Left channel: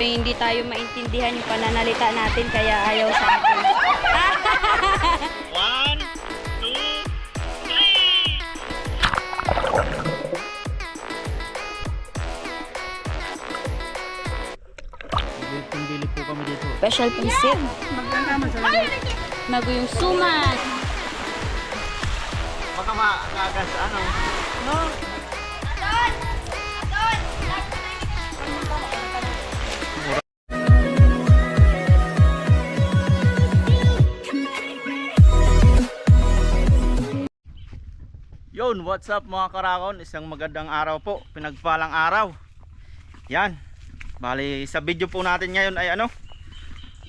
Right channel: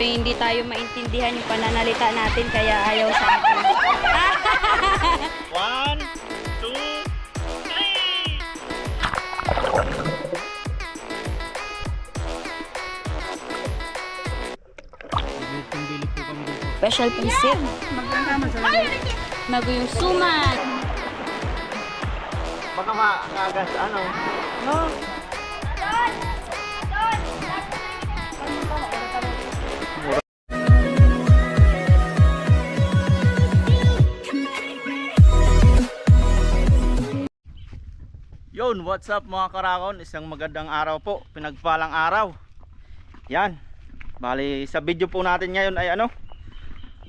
hindi tayo maintindihan yung pananalita natin kaya ayaw sa atin. One, two, three! Po kami dito. Special pisit. Mago yung suman. Baka makagas ano. No? Yon, what's up mga karakon? Isang magandang araw po, pinagpalang araw. Yan. Bali, sa video po natin ngayon ay ano?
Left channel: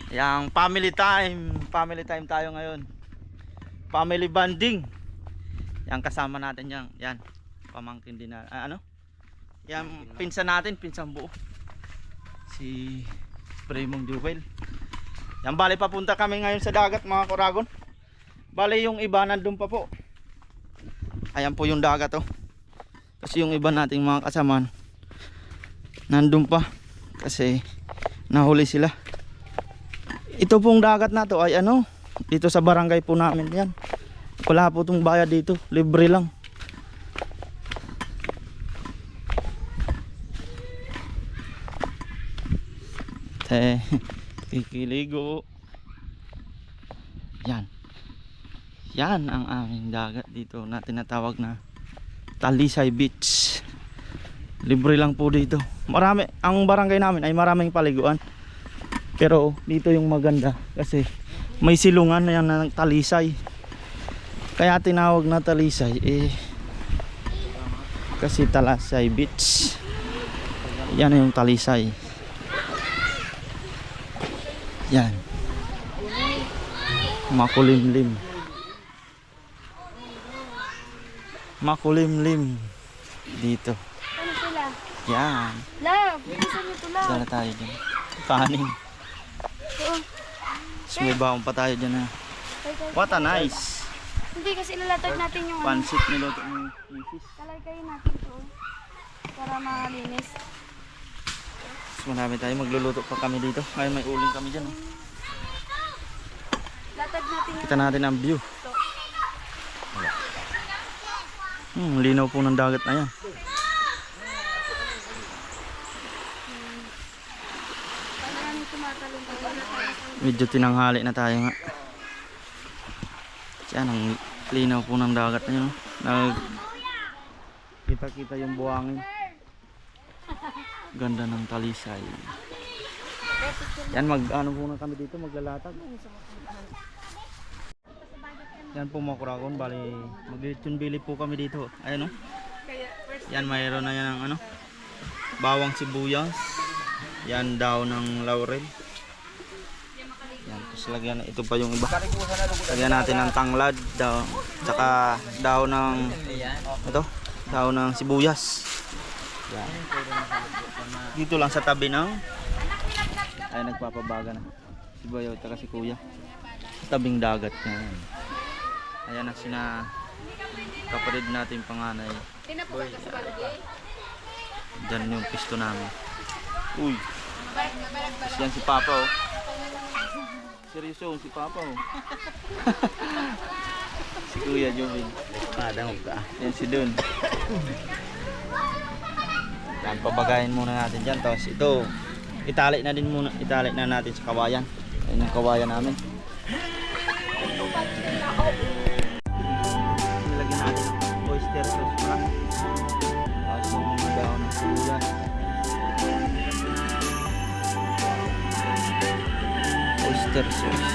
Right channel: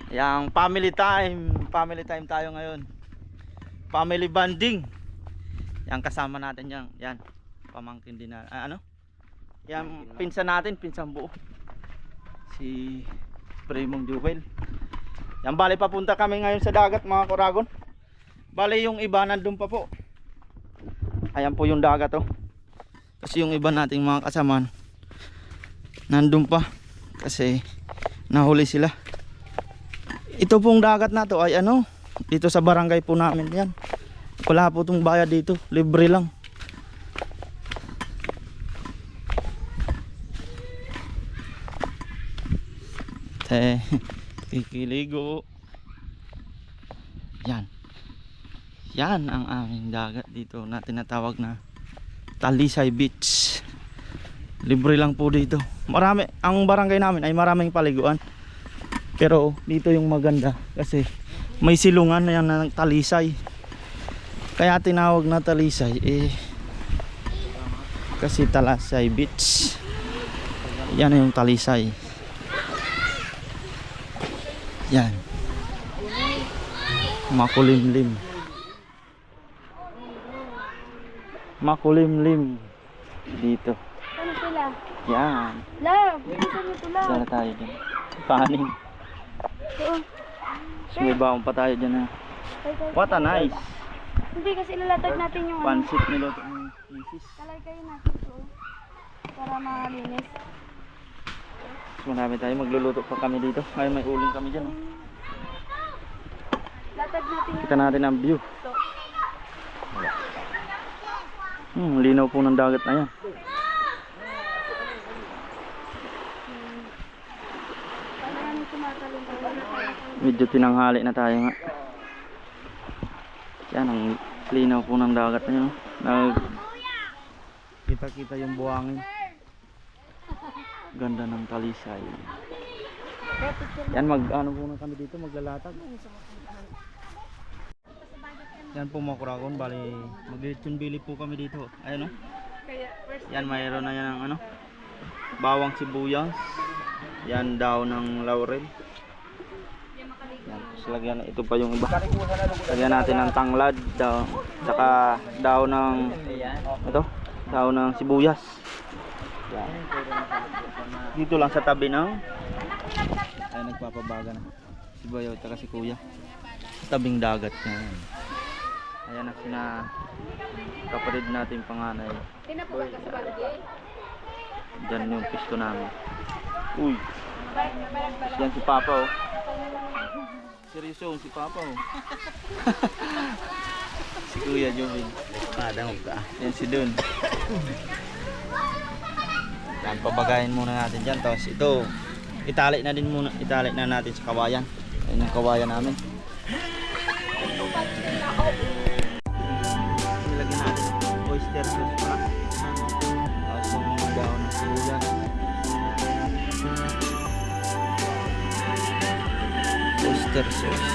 Yang family time. Family time tayo ngayon. Family bonding. Yan kasama natin yan. Yan. Pamangkin din na ah, ano? Yan pinsan natin, pinsan buo. Si Primong Jewel. Yan bali papunta kami ngayon sa dagat mga karagon. Bali yung iba nandun pa po. Ayan po yung dagat oh. Kasi yung iba nating mga kasamaan nandun pa kasi nahuli sila. Ito pong dagat na to ay ano, dito sa barangay po namin yan. Wala po itong bayad dito, libre lang. Te, kikiligo. Yan. Yan ang aming dagat dito na tinatawag na Talisay Beach. Libre lang po dito. Marami, ang barangay namin ay maraming paliguan. Pero dito yung maganda kasi may silungan na yan ng Talisay. Kaya tinawag na Talisay eh kasi Talasay Beach. Yan yung Talisay. Yan. Makulimlim. Makulimlim dito. Ano sila? Yan. Love, bilisan niyo to love. Dala tayo dyan. Kanin. Oo. Tapos may baon pa tayo dyan. What a nice. Hindi kasi ilalatag natin yung ano. Pansit niluto ng isis. Kalagay natin to. Para malinis. Mas marami tayo. Magluluto pa kami dito. Ngayon may uling kami dyan. oh. Latag natin yung Kita natin ang view. Hmm, linaw po ng dagat na yan. Medyo tinanghali na tayo nga. Yan ang linaw po ng dagat na yun. oh. Nag kita kita yung buhangin. Ganda ng talisay. Yan mag ano muna kami dito maglalatag. Yan po mga kurakon, bali maglilitsyon bili po kami dito. Ayun oh. Yan mayroon na yan ng ano. Bawang sibuyas. Yan daw ng laurel. Yan, tapos lagyan na ito pa yung iba. Lagyan natin ng tanglad, daw, tsaka daw ng ito, daw ng sibuyas. Yan. Dito lang sa tabi ng ay nagpapabaga na. Si Bayaw tsaka si Kuya. Tabing dagat yan. Ayan ang sina kapatid natin panganay. Diyan yung pisto namin. Uy. Yan si Papa oh. Seryoso si Papa oh. si Kuya Jovin. Padang ka. Yan si Dun. Yan, pabagayin muna natin dyan. Tapos ito, itali na din muna. Itali na natin sa kawayan. Ayan yung kawayan namin. Natin oyster sauce pala. Tapos yung mga daon ng sibuyas. Oyster sauce.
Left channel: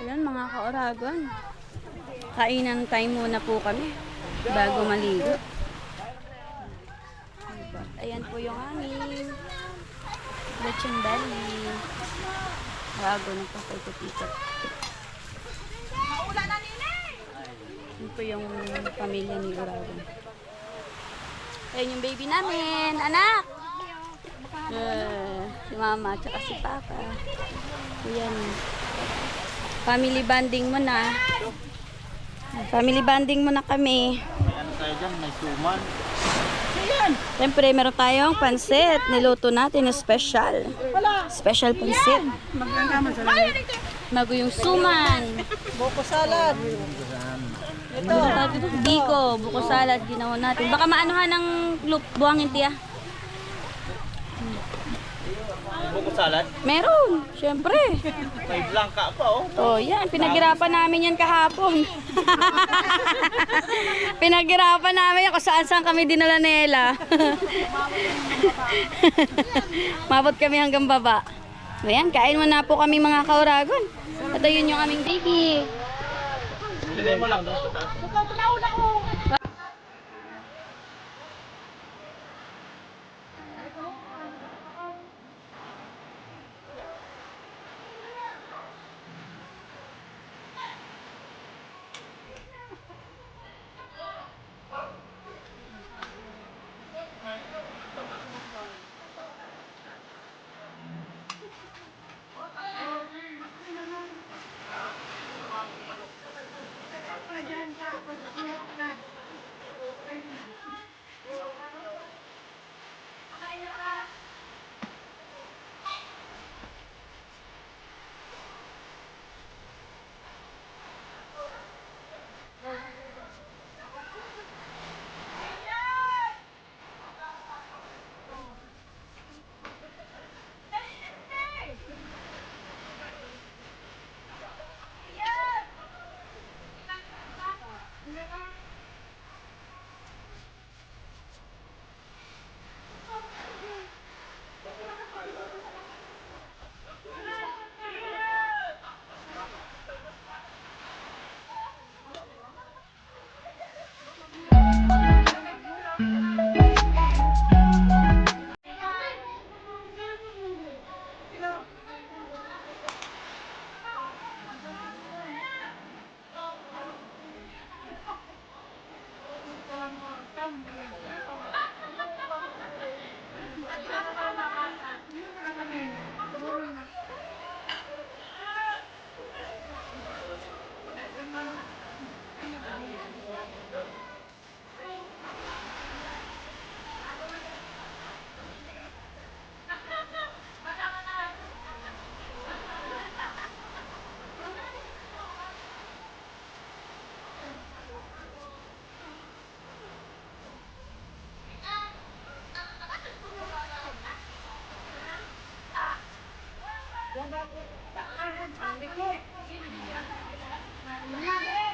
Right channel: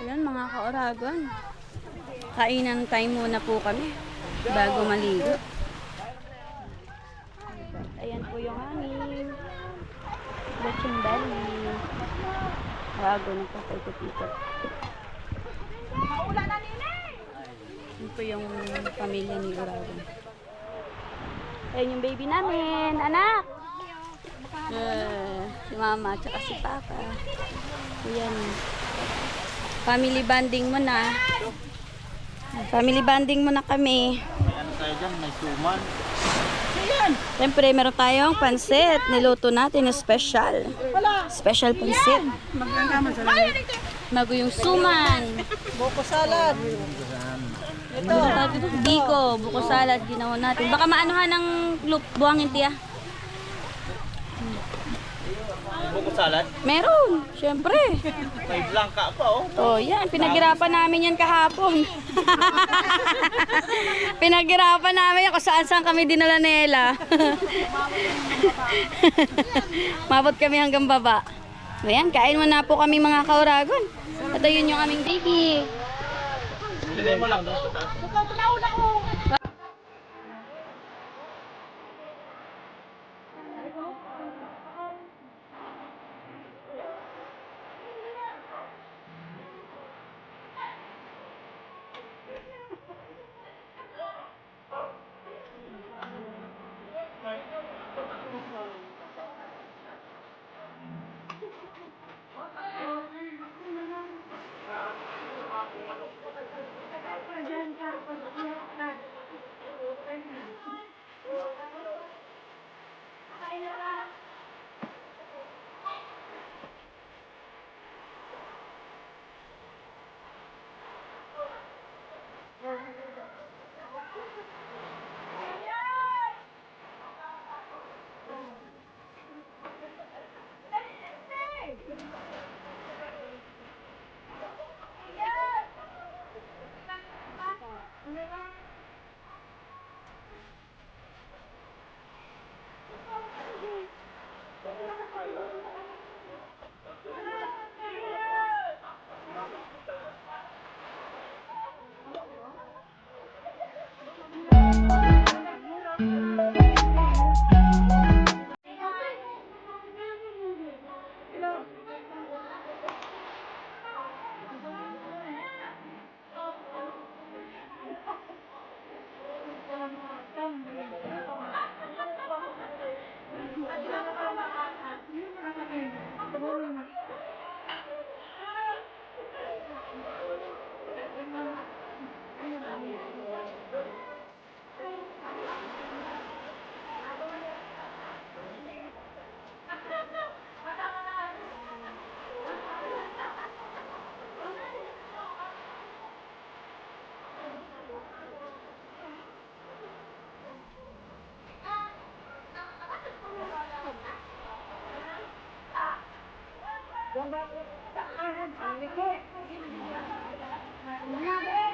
Ayan mga ka-oragon. Kainan time muna po kami bago maligo. Ayan po yung amin. Lechon belly. Wago na po kay Tito. Yun po yung pamilya ni Oragon. Ayan yung baby namin. Anak! Uh, si mama at si papa. Ayan. Family bonding mo na. Family bonding mo na kami. May ano tayo dyan, may suman. Siyempre, meron tayong pansit. Niluto natin na special. Special pansit. Bago yung suman. Buko salad. Ito. Biko, buko salad, ginawa natin. Baka maanuhan ng loop, buhangin tiya. Buko salad. Meron, syempre. May blanca pa oh. Oh, yan. Pinaghirapan namin yan kahapon. Pinaghirapan namin yan kung saan saan kami dinala nila. Mabot kami hanggang baba. Ayan, kain mo na po kami mga kauragon. At ayun yung aming baby. Ilagay mo lang doon Ini kok. Ini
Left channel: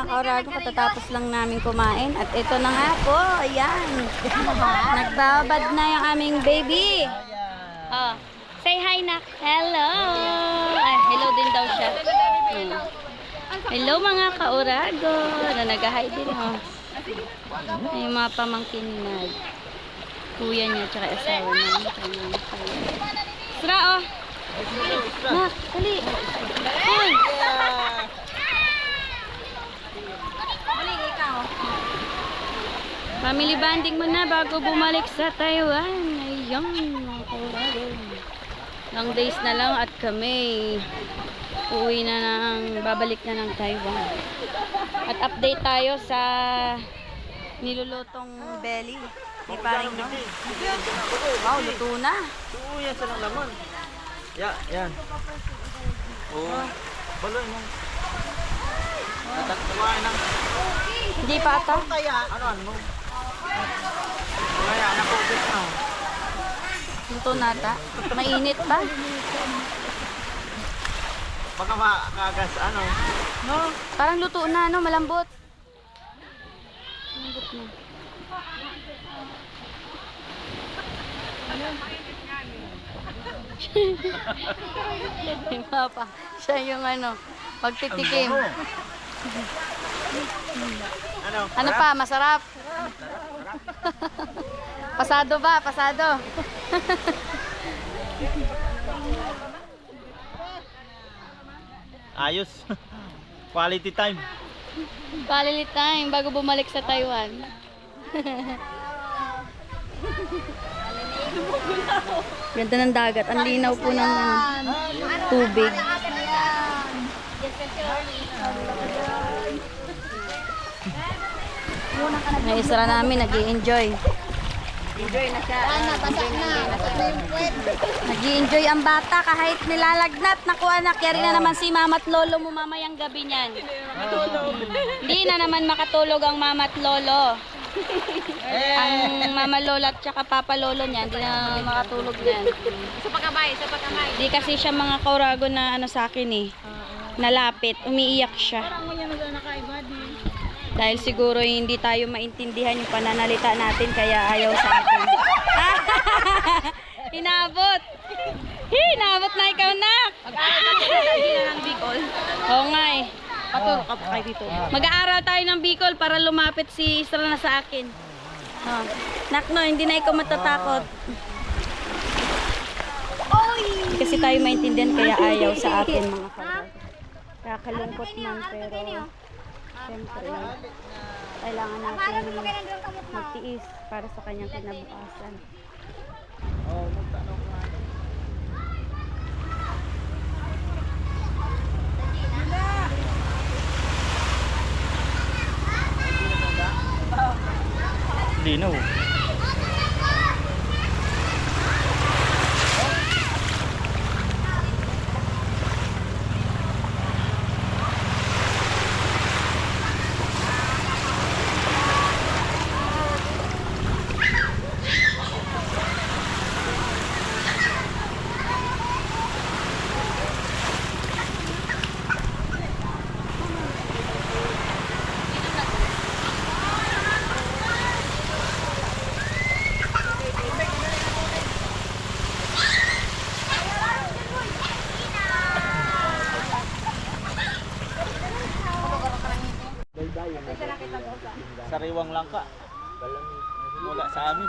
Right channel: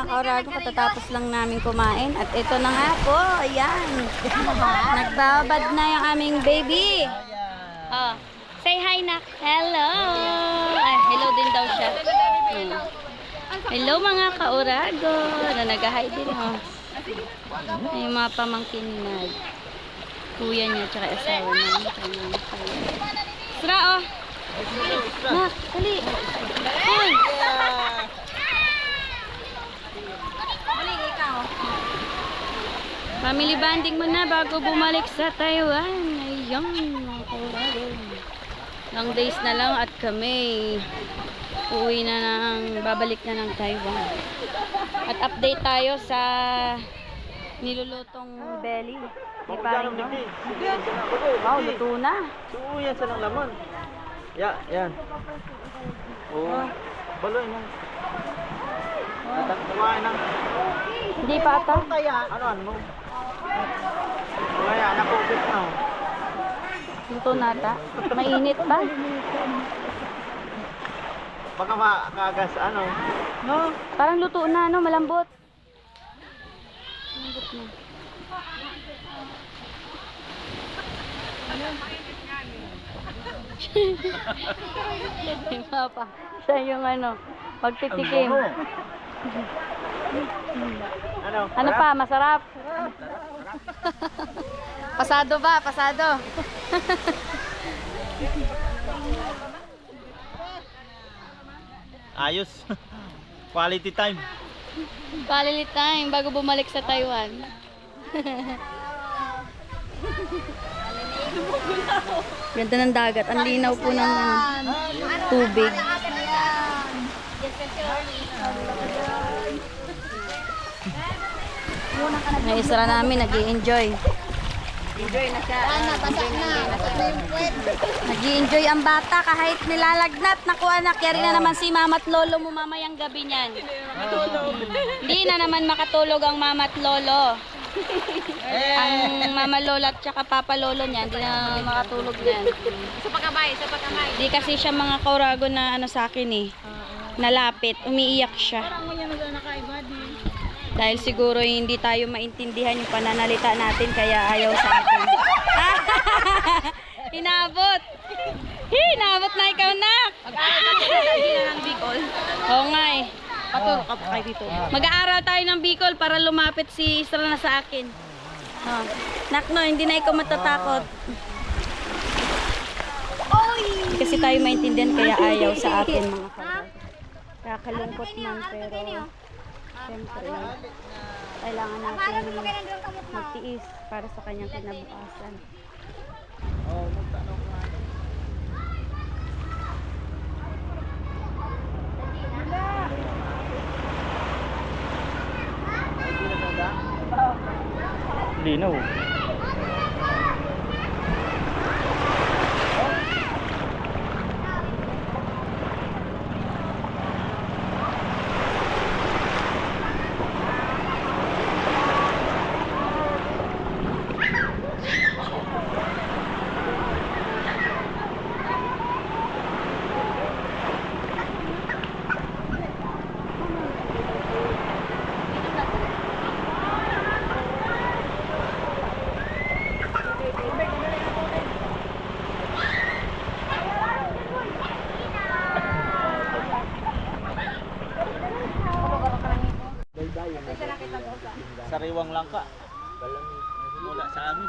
mga kaurago, katatapos lang namin kumain. At ito na nga po, ayan. Nagbabad na yung aming baby. Oh, say hi na. Hello. Ay, hello din daw siya. Hmm. Hello mga kaurago. Na nag-hi din oh. Ay, yung mga pamangkin na kuya niya tsaka asawa niya. Sra oh. Nak, dali. Hoy. Family banding mo na bago bumalik sa Taiwan. Mga kaurago. Long days na lang at kami uwi na ng, babalik na ng Taiwan. At update tayo sa nilulutong belly. Di parang no? Wow, luto na. Oo, yan sa ng laman. Ya, yan. Oo. Baloy mo. Kumain ng Hindi pa ata. Ano ano ko ubit na. Luto na ata. Mainit pa. Baka makagas ano. no? Parang luto na, no? Malambot. Malambot na. Yung papa, siya yung ano, pagtitikim. Ano? Ano pa, masarap? pasado ba? Pasado. Ayos. Quality time. Quality time bago bumalik sa Taiwan. Ganda ng dagat. Ang linaw po ng ano, May isra namin, nag enjoy nag enjoy ang bata kahit nilalagnat. Naku anak, yari na naman si mama at lolo mo mamayang gabi niyan. Hindi na naman makatulog ang mama at lolo. ang mama lola at saka papa lolo niyan, hindi na makatulog niyan. Sa pagkamay, sa pagkamay. Hindi kasi siya mga kaurago na ano sa akin eh. Nalapit, umiiyak siya. Ang mga nag nakaiba din. Dahil siguro hindi tayo maintindihan yung pananalita natin kaya ayaw sa atin. Inabot! Hinabot na ikaw na! Na ng Bicol. Oo nga eh. Paturo ka pa kayo dito. Mag-aaral tayo ng Bicol para lumapit si Isra na sa akin. Oh. Nakno, hindi na ikaw matatakot. Kasi tayo maintindihan kaya ayaw sa atin mga kaurago. Kakalungkot man pero Siyempre, kailangan natin magtiis para sa kanyang kinabukasan. Oh, magtanong nga. Sariwang langka. Mula sa amin.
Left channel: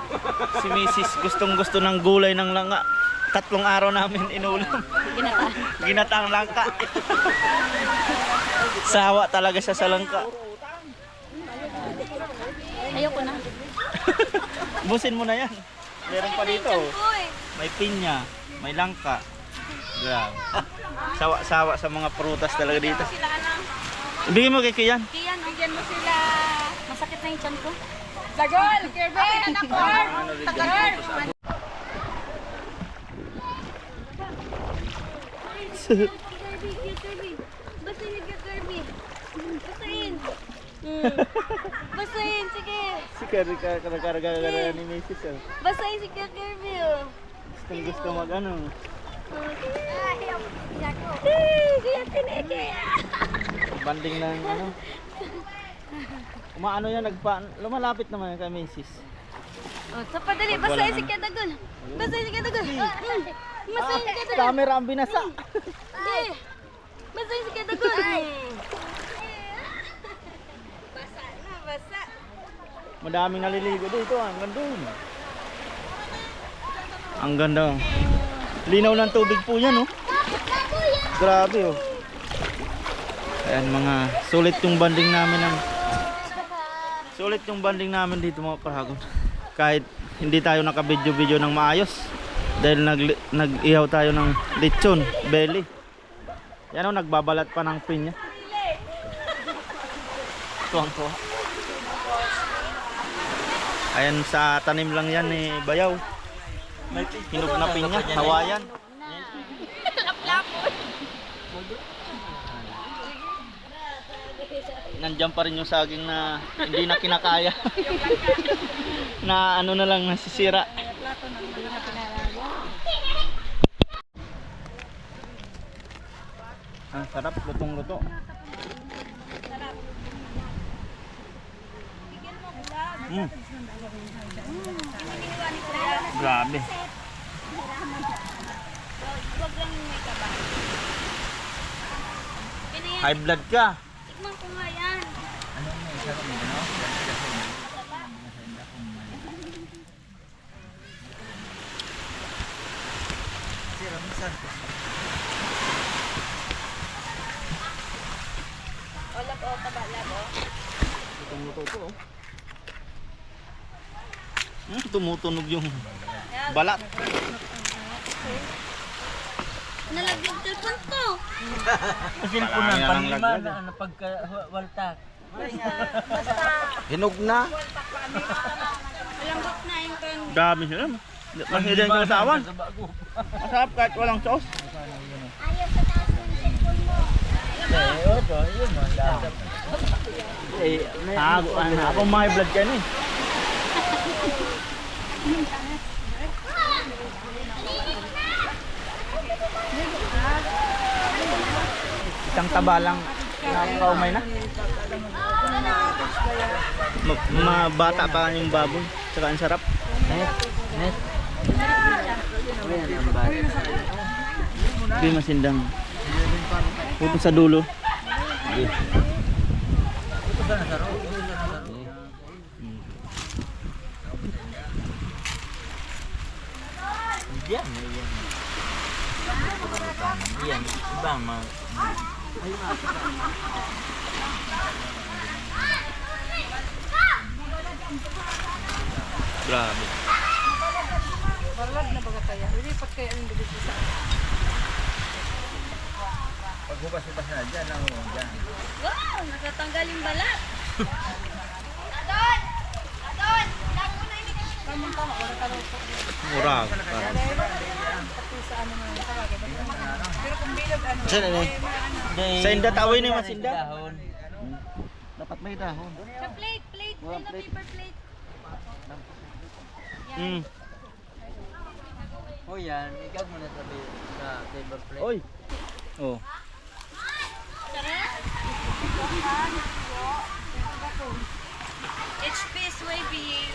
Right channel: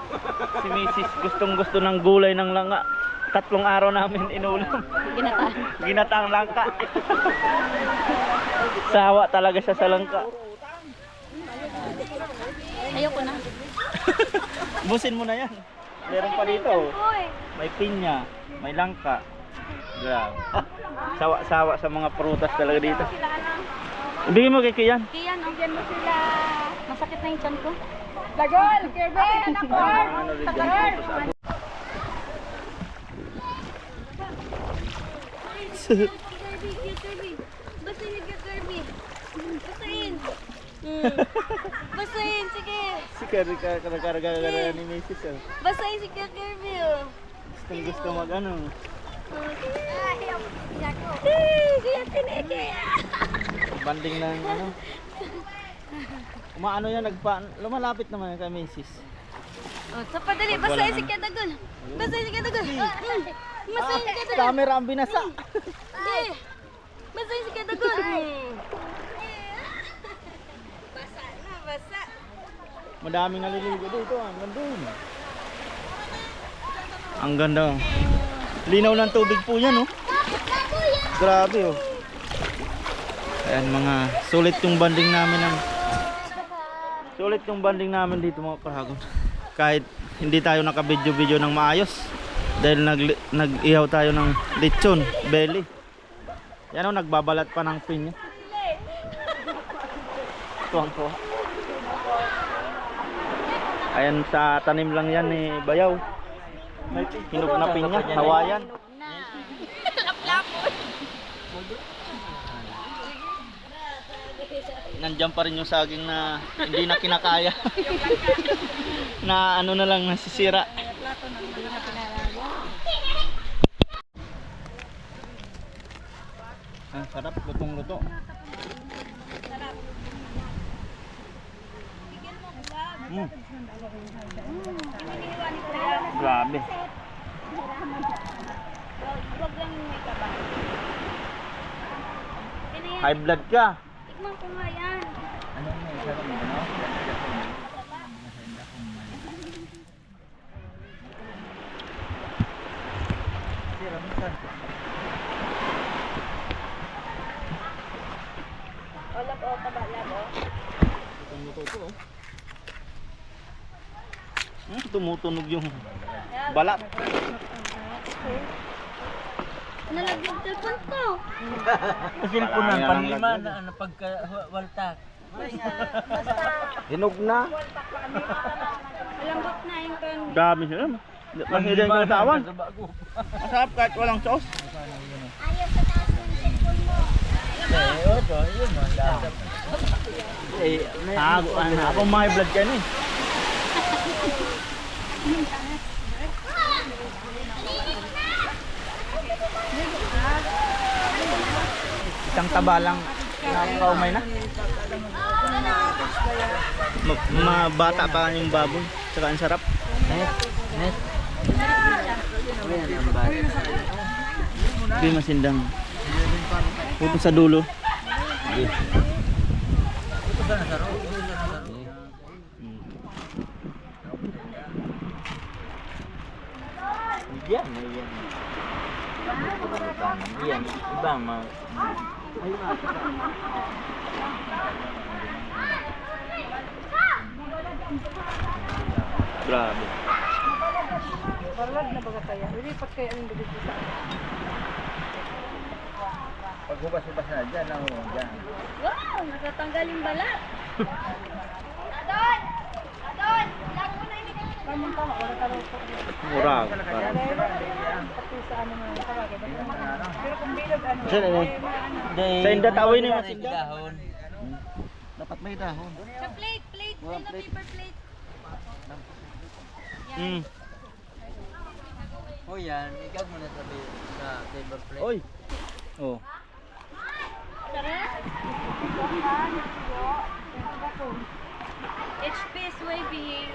Si Mrs. gustong gusto ng gulay ng langka. Tatlong araw namin inulam. Ginataan. Ginatang langka. Sawa talaga siya sa langka. Ayoko na. Busin mo na yan. Meron pa dito. May pinya, may langka. Grabe. Sawa-sawa sa mga prutas talaga dito. Ibigay mo kay Kian. Kiyan, andyan mo sila. Masakit na yung tiyan ko. Sagol! Kirby! Anak ko! Sagol! Kirby, Kirby. Basahin ka, Kirby. Basahin. Basahin, sige. Si Kirby ka karagaraga ni Mrs. Oh. Basahin si Kirby, oh. Gustong gusto mag ano. Banding ng ano. Umaano yan, nagpa, lumalapit naman yan kay Macy's. Oh, sa padali, Pag wala basahin si na. Kadagol. Basahin si Kadagol. Basahin si Kadagol. Camera ang binasa. Eh, Basahin si Kadagol. Basa na, basa. Madaming naliligo dito, ah. hanggang doon. Ang ganda. oh. Linaw ng tubig po yan, oh. Grabe, oh. Ayan, mga sulit yung banding namin ng Sulit yung banding namin dito mga paragon. Kahit hindi tayo naka-video-video ng maayos dahil nag nag-ihaw tayo ng lechon, belly. Yan oh, nagbabalat pa ng pinya. Tuwang-tuwa. Ayan sa tanim lang yan ni Bayaw. Hinog na pinya, hawayan. Nandiyan pa rin yung saging na hindi na kinakaya. na ano na lang nasisira. Ah, sarap, lutong-luto. Mm. Grabe. High blood ka. Tikman ko nga yan. Tumuto to oh. Hmm, tumutunog yung balat. Nalaglag telepon ko. Silpunan, panlima na ano pagka waltak. Hinog na. Malambot na yung kan. Dami sila. Mahilig ko sa awan. Masarap kahit walang sauce. Eh, oto, yun mo. dasap. Eh, may- Ako, ano, ako may blood ka na eh. Isang taba lang nakakaumay na. Ma, mabata pa yung baboy. Saka ang sarap. Hindi masindang. Puto sa dulo. Ito ba nasaro? Ito ba nasaro? Yan, may yan. Yan, iba ma. Grabe. Paghubas-hubas na dyan, ang dyan. Wow, natatanggal yung balat. Mura. Saan ano? Sa indat away ni Masinda. Dahon. Dapat may dahon. Sa plate, plate. Na paper plate. Mm. O yan, ikaw muna sabi sa table plate. Oy. Oh. HP is wavy.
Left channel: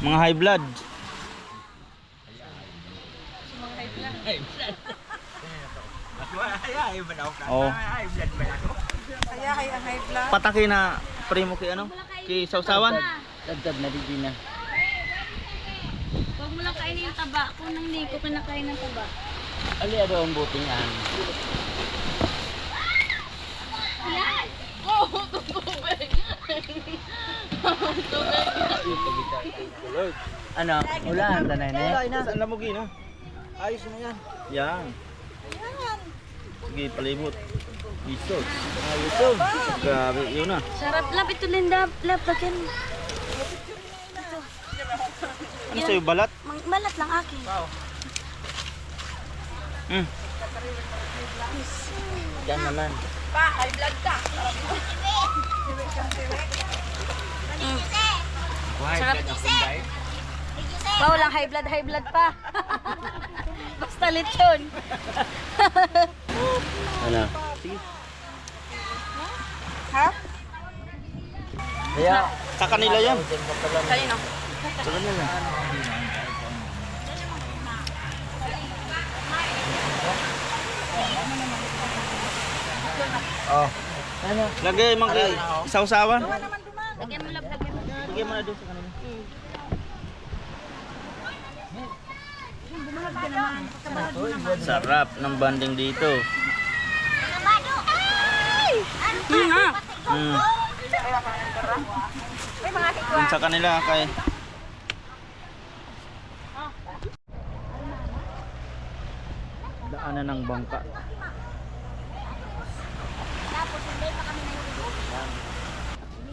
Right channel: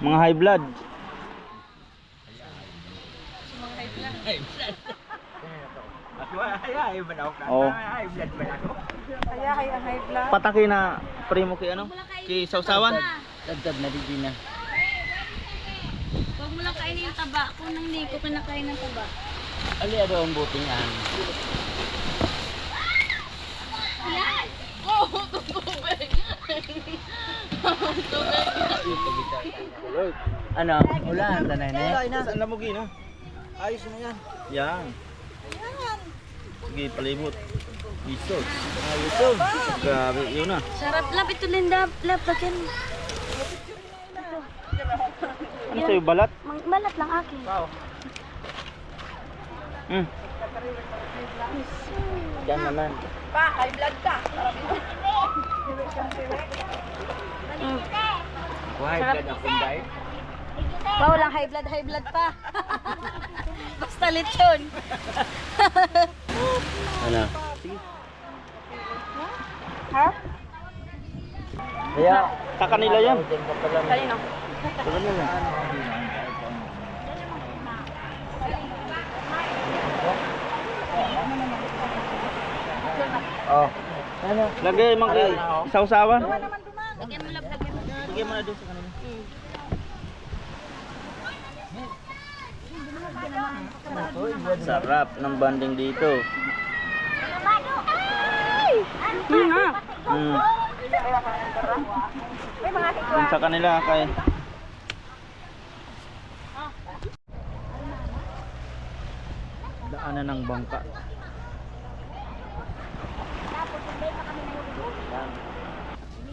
Mga high blood. Oh. Pataki na primo kay ano? Kay Sausawan. Tagtag na di na. Huwag mo lang kainin yung taba. Kung nang hindi ko kinakain ng taba. Ali ado ang buting an. Yan! Oh, tubig! Ano? Ulan tanay na. Saan na mo gina? Ayos na yan. Yan. Sige, palimot. Isos. Ayos to. Grabe, yun na. Sarap lap ito Linda. Lap, lagyan. Ano sa'yo, balat? Mang- Malat lang akin. Mm. Yan naman. Why Sarap. ka na kunday? Wow, lang high blood, high blood pa. Basta lechon. Ano? Kaya, Sa kanila yan. Kanino? Sa kanila. oh. Ano? Lagay mang isaw-sawan. Lagyan mo lang, lagyan mo. Lagay mo na doon sa kanila. Sarap ng banding dito. Hmm, ha? Mm. Dun sa kanila kay Daanan ng bangka.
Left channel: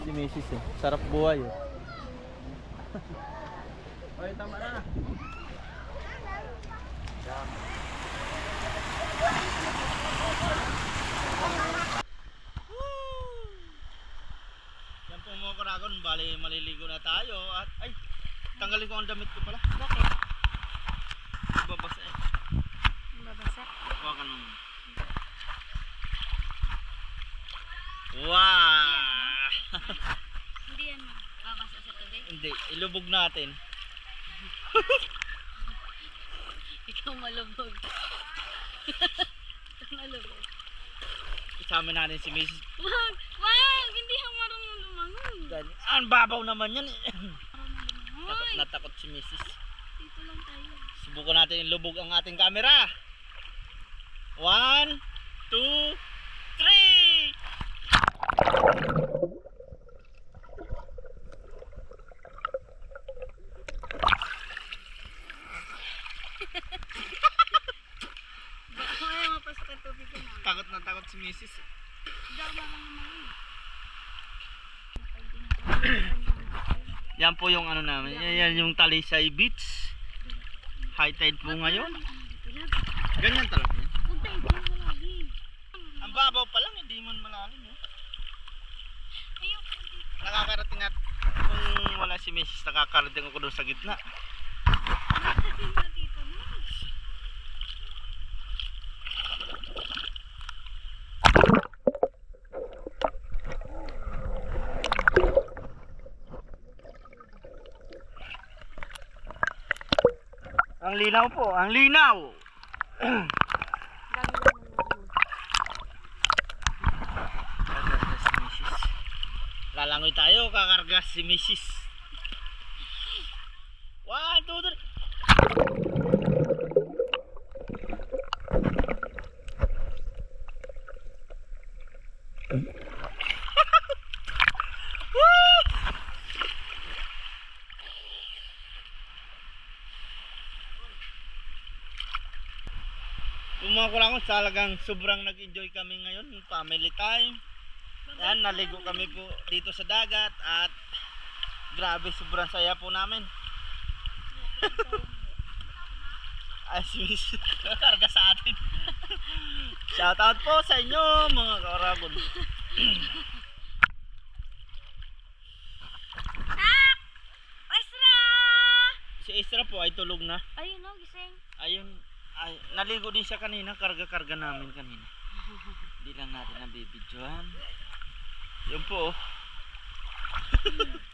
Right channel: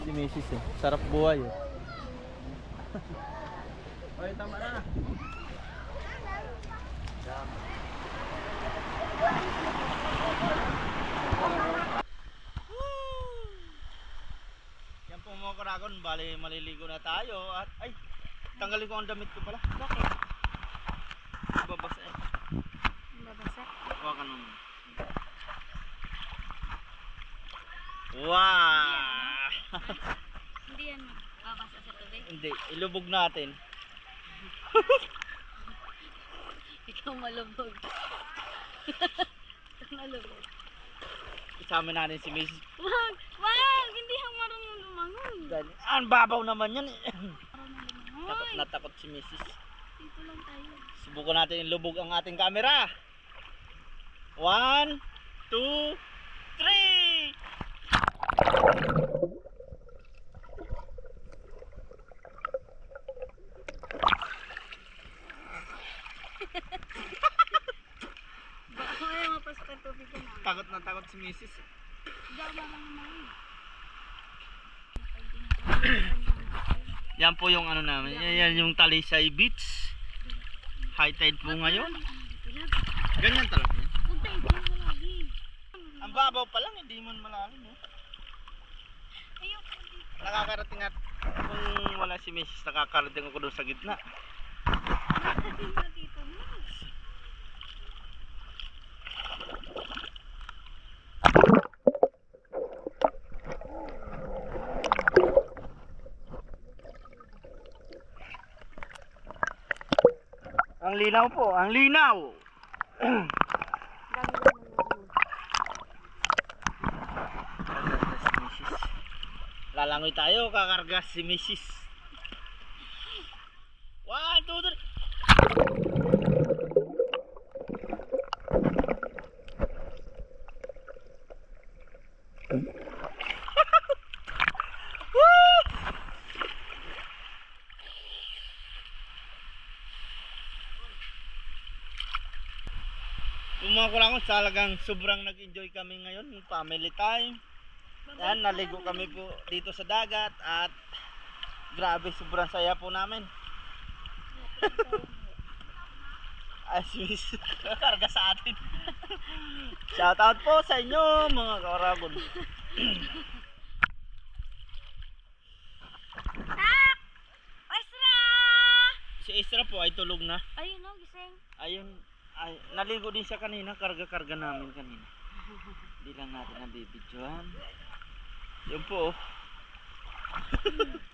Si Mrs. eh. Sarap buhay eh. Oy, tama na. Yan karagon, bali maliligo na tayo at ay, tanggalin ko ang damit ko pala. Bakit? Babasa eh. Babasa. Hawakan mo. muna. Wow! Hindi yan babasa sa tubig. Hindi, ilubog natin. Ikaw malubog. Ikaw malubog. Isama natin si Mrs. Wag! Wag! Hindi ako marunong. Dali. Ang babaw naman yan eh. Takot na takot si Mrs. Dito lang tayo. Subukan natin ilubog ang ating camera. One, two, three! Takot na takot si Mrs. Ako marunong lumangoy. Yan po yung ano namin. Yan, yung Talisay Beach. High tide po ngayon. Ganyan talaga. Ang babaw pa lang, hindi man malalim. Eh. Nakakarating at kung wala si Mrs. nakakarating ako doon sa gitna. Nakakarating na dito na. Ang linaw po, ang linaw. Lalangoy tayo, kakarga si Mrs. One, two, three. Yung mga kulangon, talagang sobrang nag-enjoy kami ngayon, family time. Yan, naligo kami po dito sa dagat at grabe, sobrang saya po namin. Ay, sis, karga sa atin. Shout out po sa inyo, mga! Esra! Si Isra po ay tulog na. Ayun o, gising. Ayun, ay, naligo din siya kanina, karga-karga namin kanina. Hindi lang natin nabibidyohan. Yun po. oh.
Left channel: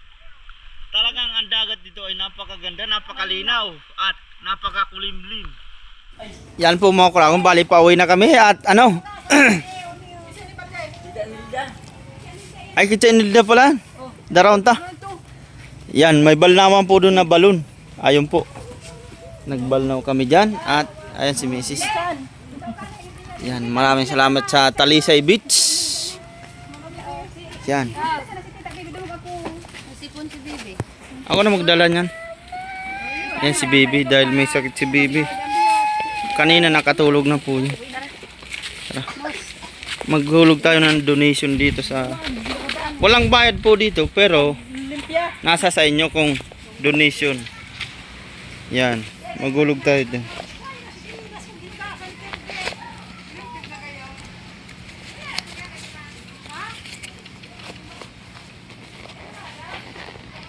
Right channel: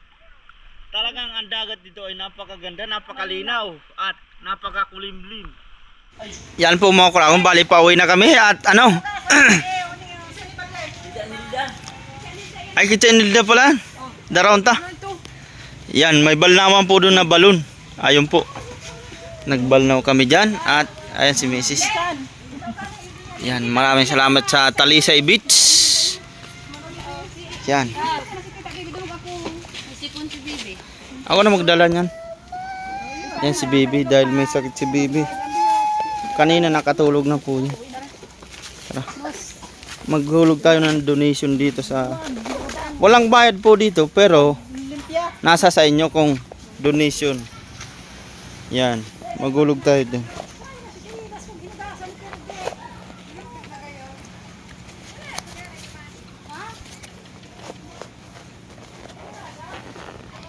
Talagang ang dagat dito ay napakaganda, napakalinaw at napakakulimlim. Yan po mga kurakong, bali pa uwi na kami at ano? ay kita nilda pala. Daron ta. Yan, may balnawan po doon na balon. Ayun po. Nagbalnaw kami dyan at ayan si Mrs. Yan, maraming salamat sa Talisay Beach. Yan. Ako na magdala niyan. Yan si Bibi dahil may sakit si Bibi. Kanina nakatulog na po niya. Tara. Maghulog tayo ng donation dito sa... Walang bayad po dito pero nasa sa inyo kung donation. Yan. Maghulog tayo din.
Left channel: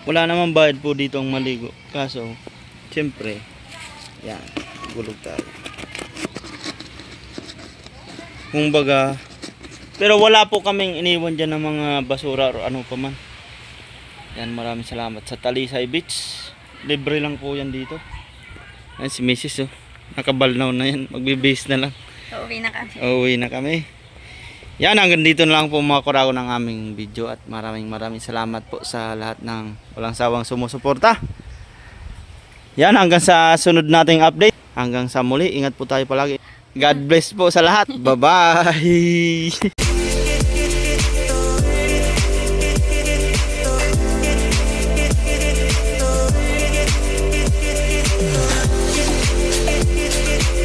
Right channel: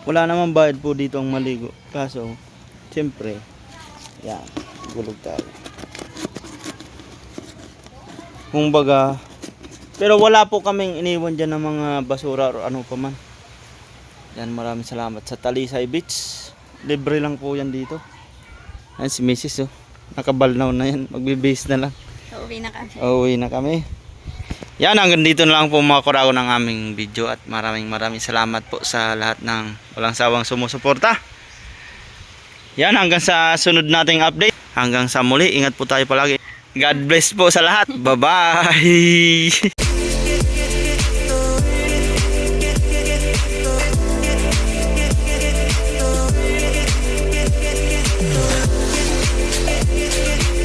Wala naman bayad po dito ang maligo. Kaso, siyempre, yan, gulog tayo. Kung baga, Pero wala po kaming iniwan dyan ng mga basura o ano pa man. Yan, maraming salamat sa Talisay Beach. Libre lang po yan dito. Yan si Mrs. Oh. Nakabalnaw na yan. Magbe-base na lang. Uuwi na kami. Uuwi na kami. Yan, hanggang dito na lang po mga kurago ng aming video at maraming maraming salamat po sa lahat ng walang sawang sumusuporta. Yan, hanggang sa sunod nating update. Hanggang sa muli, ingat po tayo palagi. God bless po sa lahat. Bye-bye!